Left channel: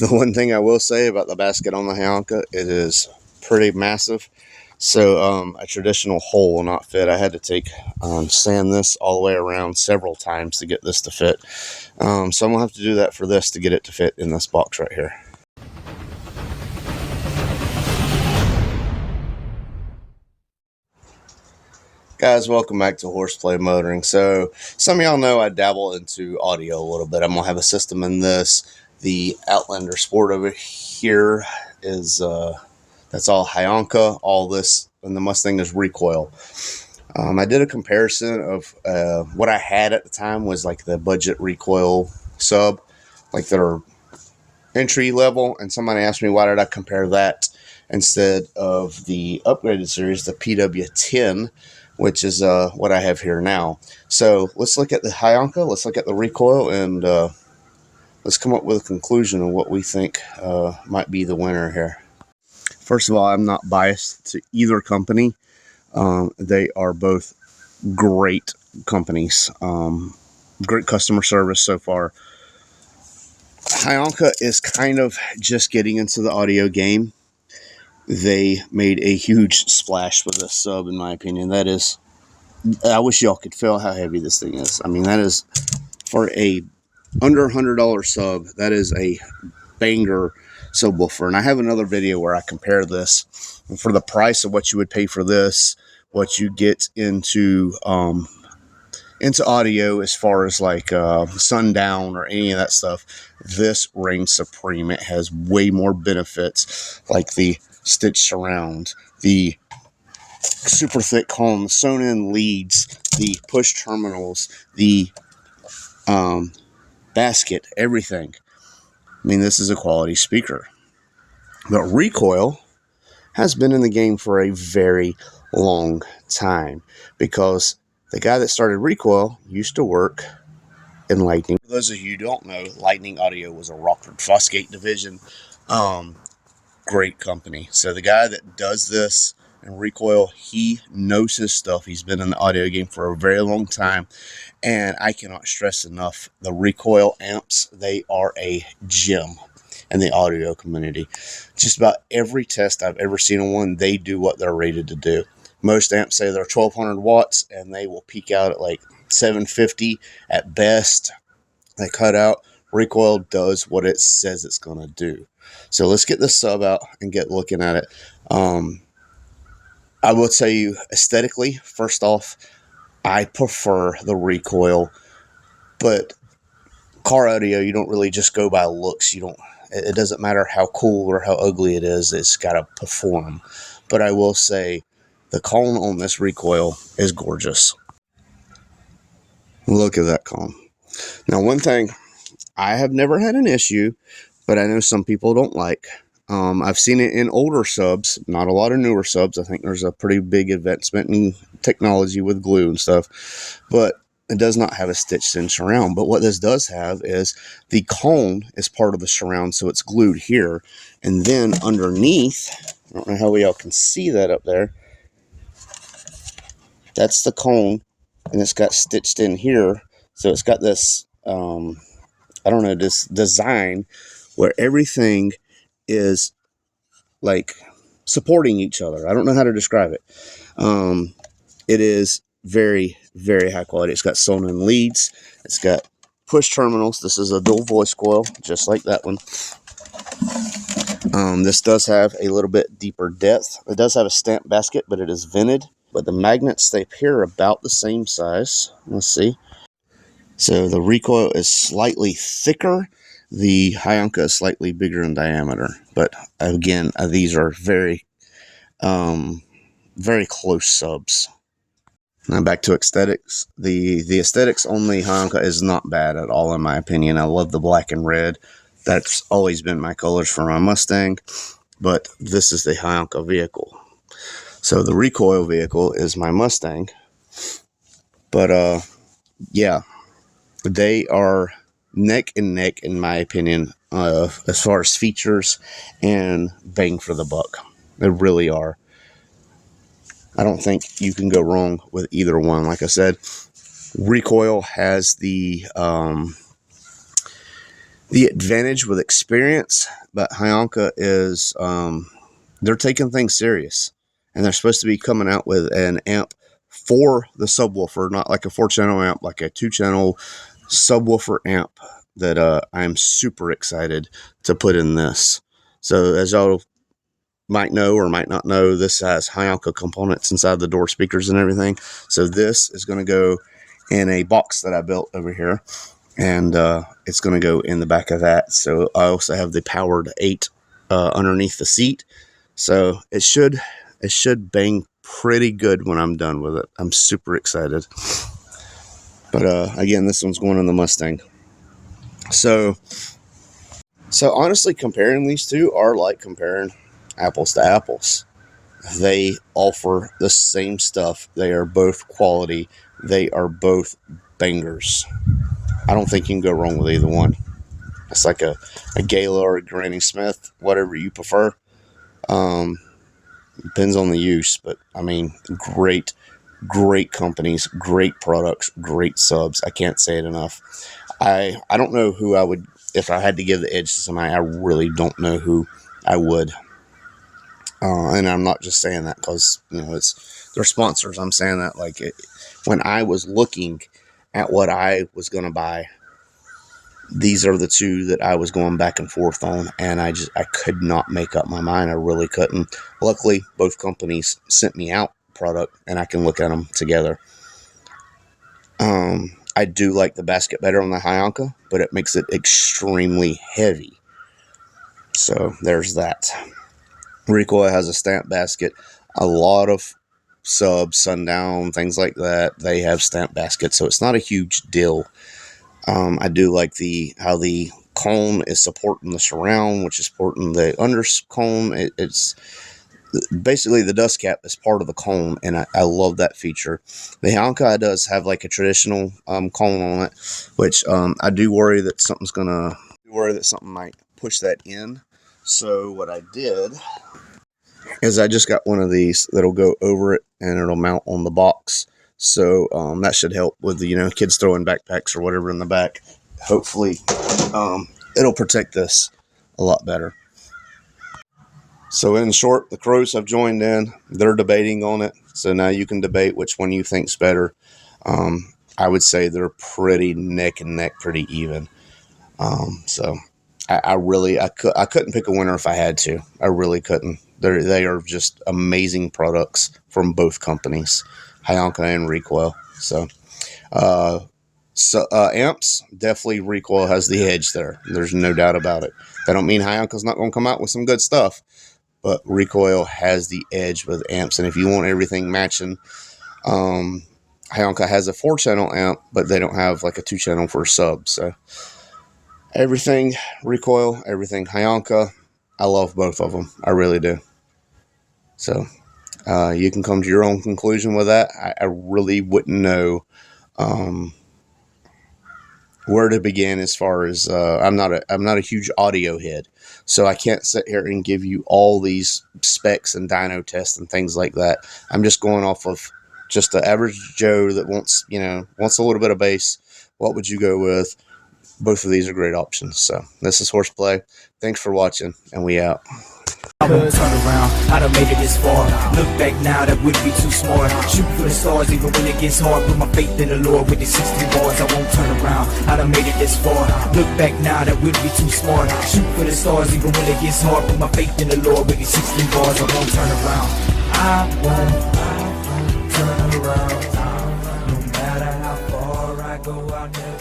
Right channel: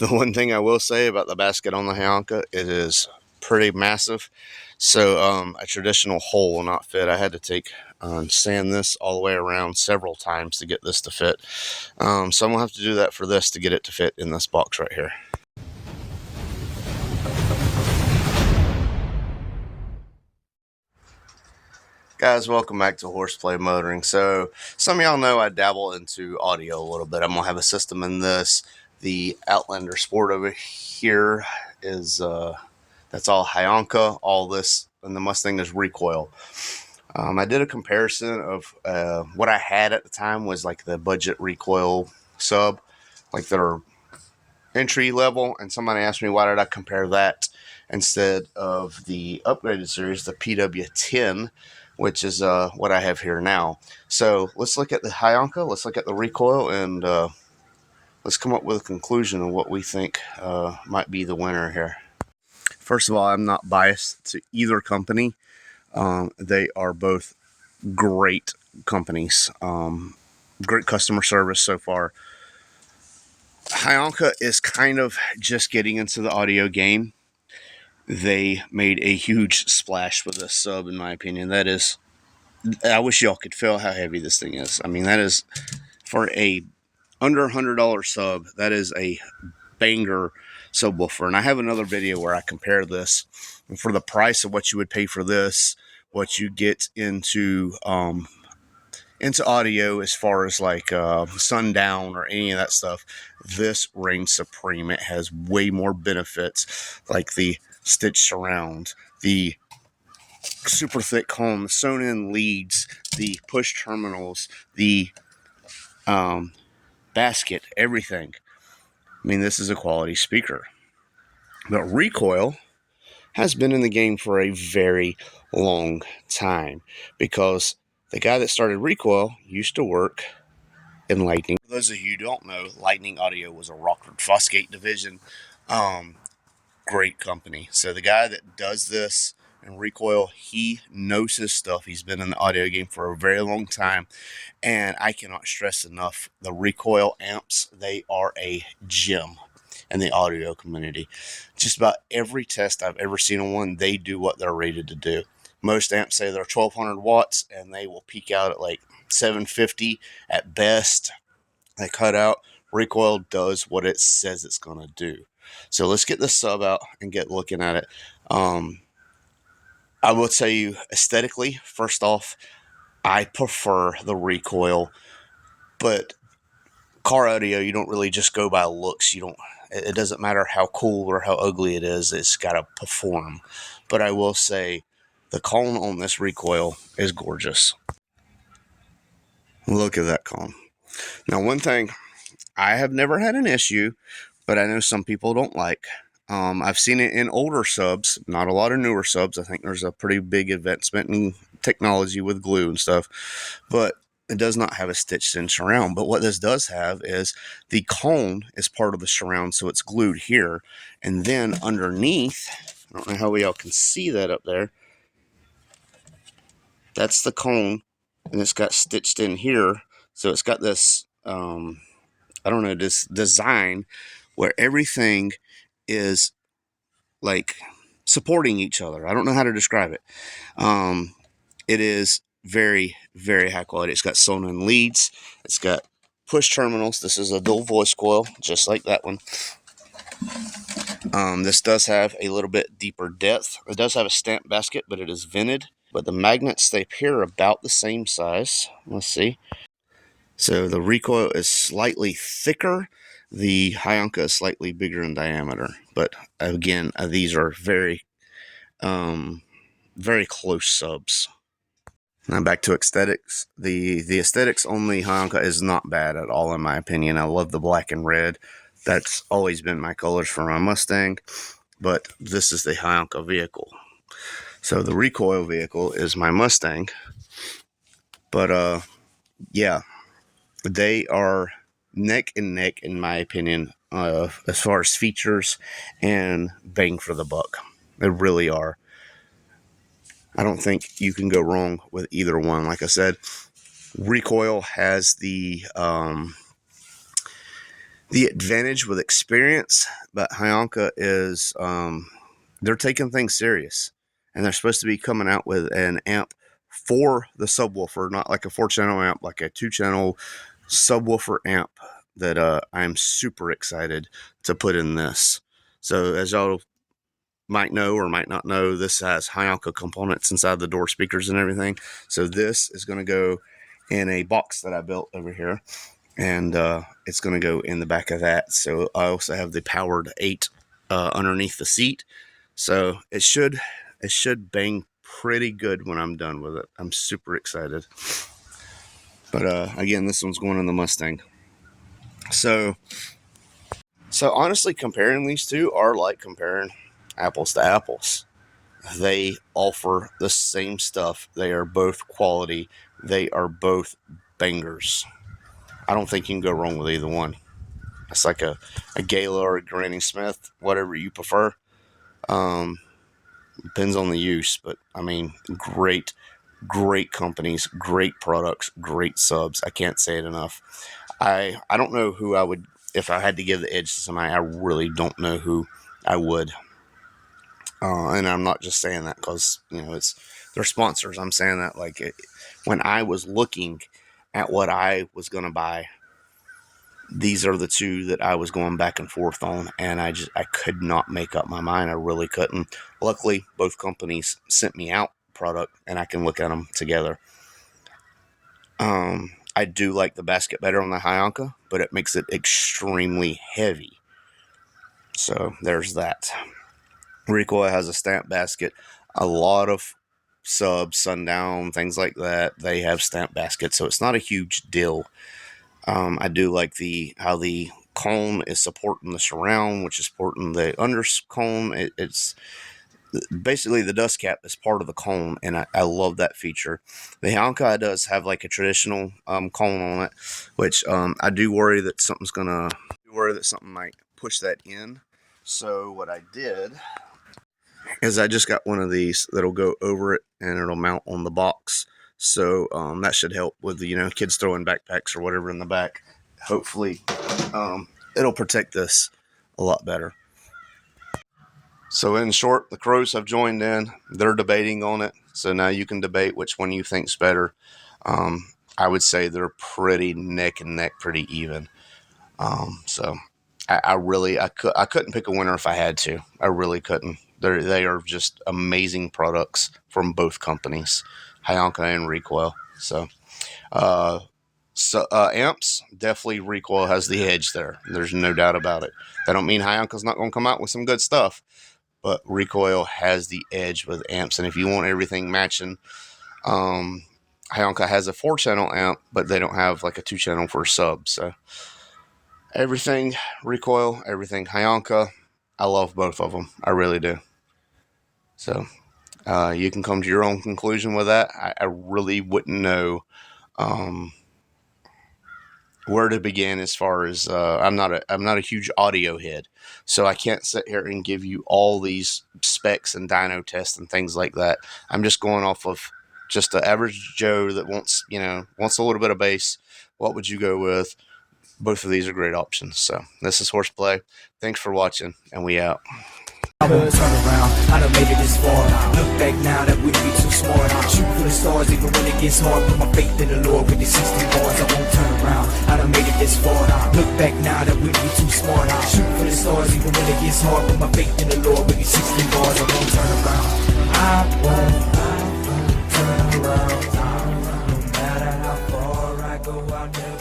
The one thing I will say about the basket on the Hyanka, it is pretty massive. So a traditional hole will not fit. I had to sand this all the way around several times to get this to fit. So I'm going to have to do that for this to get it to fit in this box right here. Guys, welcome back to Horseplay Motoring. So some of y'all know I dabble into audio a little bit. I'm going to have a system in this. The Outlander Sport over here is, that's all Hyanka. All this and the Mustang is Recoil. I did a comparison of what I had at the time was like the budget Recoil sub, like their entry level. And somebody asked me, why did I compare that instead of the upgraded series, the PW10, which is what I have here now. So let's look at the Hyanka, let's look at the Recoil, and let's come up with a conclusion of what we think might be the winner here. First of all, I'm not biased to either company. They are both great companies. Great customer service so far. Hyanka is kind of just getting into the audio game. They made a huge splash with this sub, in my opinion. That is, I wish y'all could feel how heavy this thing is. I mean, that is, for a under $100 sub, that is a banger subwoofer. And I have another video where I compare this. And for the price of what you would pay for this, what you get into audio as far as like sundown or any of that stuff, this reigns supreme. It has way more benefits, like the stitch surround, the super thick cone, the sewn in leads, the push terminals, the basket, everything. I mean, this is a quality speaker. But Recoil has been in the game for a very long time, because the guy that started Recoil used to work in Lightning. For those of you who don't know, Lightning Audio was a Rockford Fosgate division. Great company. So the guy that does this in Recoil, he knows his stuff. He's been in the audio game for a very long time. And I cannot stress enough, the Recoil amps, they are a gem in the audio community. Just about every test I've ever seen on one, they do what they're rated to do. Most amps say they're 1200 watts, and they will peak out at like 750 at best. They cut out. Recoil does what it says it's going to do. So let's get this sub out and get looking at it. I will tell you, aesthetically, first off, I prefer the Recoil, but car audio, you don't really just go by looks. It doesn't matter how cool or how ugly it is. It's got to perform. But I will say the cone on this Recoil is gorgeous. Look at that cone. Now, one thing, I have never had an issue, but I know some people don't like. I've seen it in older subs, not a lot of newer subs. I think there's a pretty big advancement in technology with glue and stuff, but it does not have a stitched in surround. But what this does have is the cone is part of the surround, so it's glued here. And then underneath, I don't know how y'all can see that up there, that's the cone, and it's got stitched in here. So it's got this, this design where everything is like supporting each other. I don't know how to describe it. It is very, very high quality. It's got sewn in leads. It's got push terminals. This is a dual voice coil, just like that one. This does have a little bit deeper depth. It does have a stamp basket, but it is vented. But the magnets stay here about the same size. Let's see. So the Recoil is slightly thicker. The Hyanka is slightly bigger in diameter. But again, these are very, very close subs. Now back to aesthetics. The aesthetics on the Hyanka is not bad at all, in my opinion. I love the black and red. That's always been my colors for my Mustang. But this is the Hyanka vehicle. So the Recoil vehicle is my Mustang. But yeah, they are neck and neck, in my opinion, as far as features and bang for the buck. They really are. I don't think you can go wrong with either one. Like I said, Recoil has the the advantage with experience, but Hyanka is they're taking things serious, and they're supposed to be coming out with an amp for the subwoofer, not like a 4-channel amp, like a 2-channel subwoofer amp that I'm super excited to put in this. So as y'all might know or might not know, this has Hyanka components inside the door speakers and everything. So this is going to go in a box that I built over here, and it's going to go in the back of that. So I also have the powered 8 underneath the seat, so it should bang pretty good when I'm done with it. I'm super excited. But again, this one's going in the Mustang. So honestly, comparing these two are like comparing apples to apples. They offer the same stuff. They are both quality. They are both bangers. I don't think you can go wrong with either one. It's like a Gala or a Granny Smith, whatever you prefer. Depends on the use, but I mean, great companies, great products, great subs. I can't say it enough. I don't know who I would, if I had to give the edge to somebody, I really don't know who I would. And I'm not just saying that because, you know, it's their sponsors. I'm saying that like when I was looking at what I was going to buy, these are the two that I was going back and forth on, and I could not make up my mind. I really couldn't. Luckily, both companies sent me out product, and I can look at them together. I do like the basket better on the Hyanka, but it makes it extremely heavy. So there's that. Recoil has a stamp basket. A lot of subs, Sundown, things like that, they have stamp baskets, so it's not a huge deal. I do like how the cone is supporting the surround, which is supporting the under cone. It's basically the dust cap is part of the cone, and I love that feature. The Hyanka does have like a traditional cone on it, which I do worry that something might push that in. So what I did is I just got one of these that'll go over it, and it'll mount on the box. So that should help with, you know, kids throwing backpacks or whatever in the back. Hopefully it'll protect this a lot better. So in short, the Crows have joined in. They're debating on it. So now you can debate which one you think's better. I would say they're pretty neck and neck, pretty even. So I couldn't pick a winner if I had to. I really couldn't. They are just amazing products from both companies, Hyanka and Recoil. So amps, definitely Recoil has the edge there. There's no doubt about it. That don't mean Hyanka's not going to come out with some good stuff, but Recoil has the edge with amps. And if you want everything matching, Hyanka has a 4-channel amp, but they don't have like a 2-channel for a sub. So everything Recoil, everything Hyanka, I love both of them. I really do. So you can come to your own conclusion with that. I really wouldn't know where to begin as far as I'm not a huge audio head, so I can't sit here and give you all these specs and dyno tests and things like that. I'm just going off of just the average Joe that wants a little bit of bass. What would you go with? Both of these are great options. So this is Horseplay. Thanks for watching, and we out. I won't turn around, I done made it this far. Look back now, that wouldn't be too smart. Shoot for the stars even when it gets hard. Put my faith in the Lord with the 16 bars. I won't turn around, I done made it this far. Look back now, that wouldn't be too smart. Shoot for the stars even when it gets hard. Put my faith in the Lord with the 16 bars. I won't turn around, I won't turn around. No matter how far I go, I'll never